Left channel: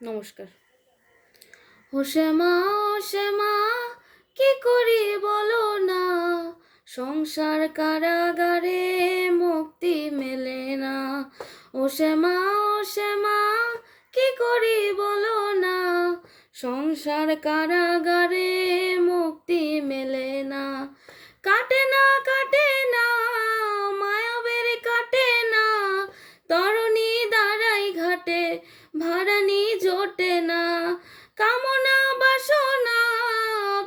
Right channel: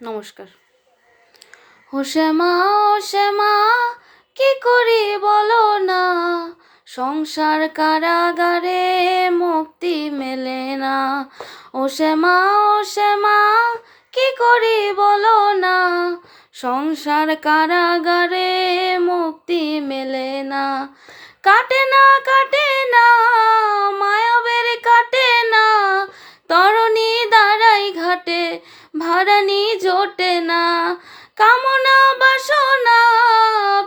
নমস্কার। ও শ্যামা, ও শ্যামা, কি করি বলো না, সংসার কারাগারে মুক্তি মেলে না। ও শ্যামা, ও শ্যামা, কি করি বলো না, সংসার কারাগারে মুক্তি মেলে না। কাটে না, কাটে না, মায়াবের কাটে না, তরণী দাঁড়াই ঘাটে, ভাড়ানি জোটে না। কামনা বাসনা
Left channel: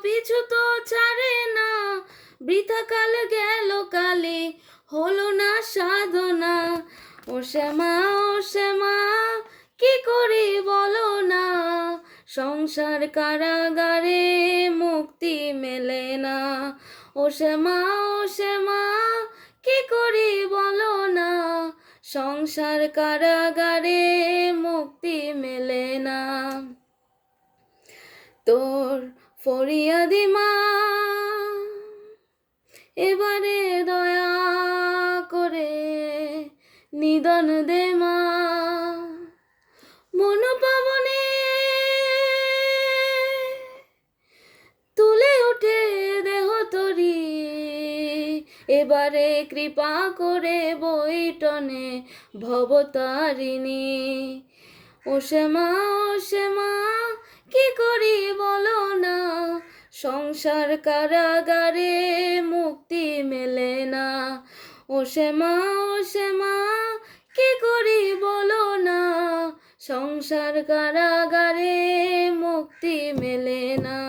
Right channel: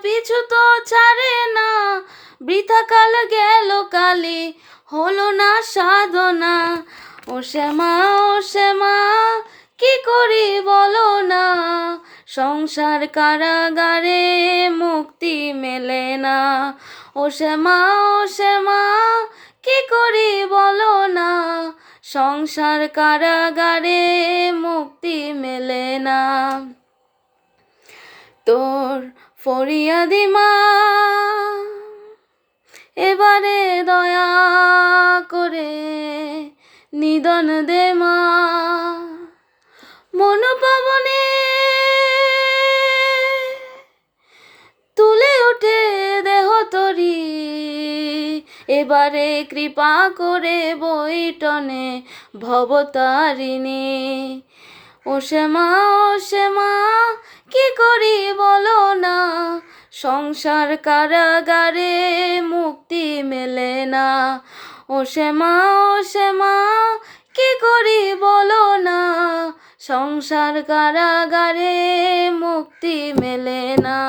পিছু তো ছাড়ে না, বৃথা কাল গেল কালে, হলো না সাধনা। ও শ্যামা, ও শ্যামা, কি করি বলো না, সংসার কারাগারে মুক্তি মেলে না। ও শ্যামা, ও শ্যামা, কি করি বলো না, সংসার কারাগারে মুক্তি মেলে না। তোর ফরিয়াদি মা, এবারে দয়া করে নিদন দে মা। মনোপাবনে তুলে ওঠে দেহ তরি, এবারে কৃপা করে বৈঠনে ভবতারিণী। ও শ্যামা, ও শ্যামা, কি করি বলো না, সংসার কারাগারে মুক্তি মেলে না। ও শ্যামা, ও শ্যামা, কি করি বলো না, সংসার কারাগারে মুক্তি মেলে না।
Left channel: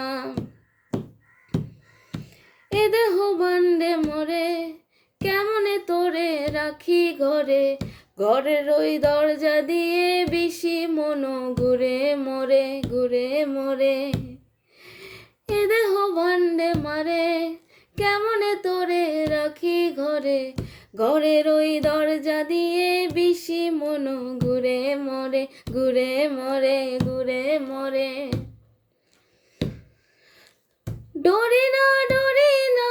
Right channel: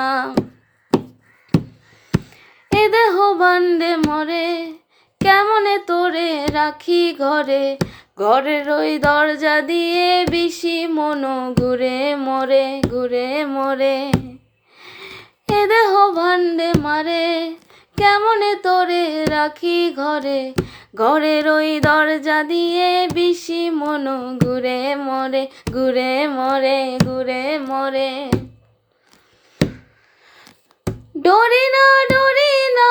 এ দেহ বান্ডে মরে, কেমনে তোরে রাখি ঘরে, ঘরের ওই দরজা দিয়ে বিশি মনো ঘুরে মরে, ঘুরে মরে। এ দেহ ভান্ডে মারে, কেমনে তোরে রাখি ঘরে, ঘরের ওই দরজা দিয়ে বিশি মনো ঘুরে মরে, ঘুরে মরে, ঘুরে মরে। ডরি না, ডরি না,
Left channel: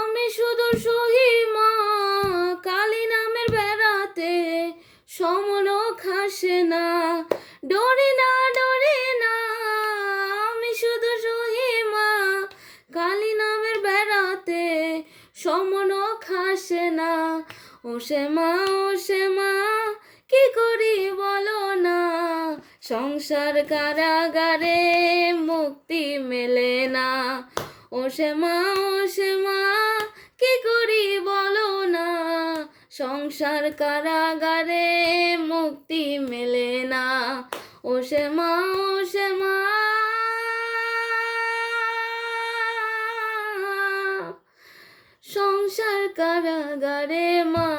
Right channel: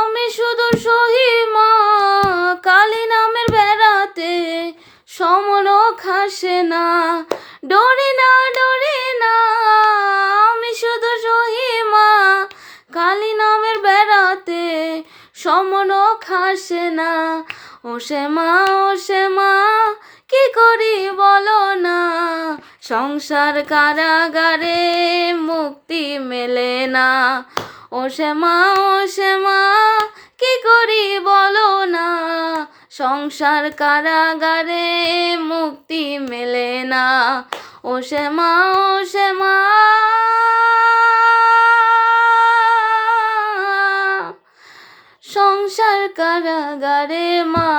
আমি শুধু সহিমা, কালী নামের বেড়াতে সমন খাসে না। ডরি না, ডরি না, আমি শুধু সহিমা, কালী নামের বেড়াতে সমন খাসে না। ও শ্যামা, ও শ্যামা, কি করি বলো না, সংসার কারাগারে মুক্তি মেলে না। ও শ্যামা, ও শ্যামা, কি করি বলো না, সংসার কারাগারে মুক্তি মেলে না। ও শ্যামা, ও শ্যামা, সংসার কারাগারে মা।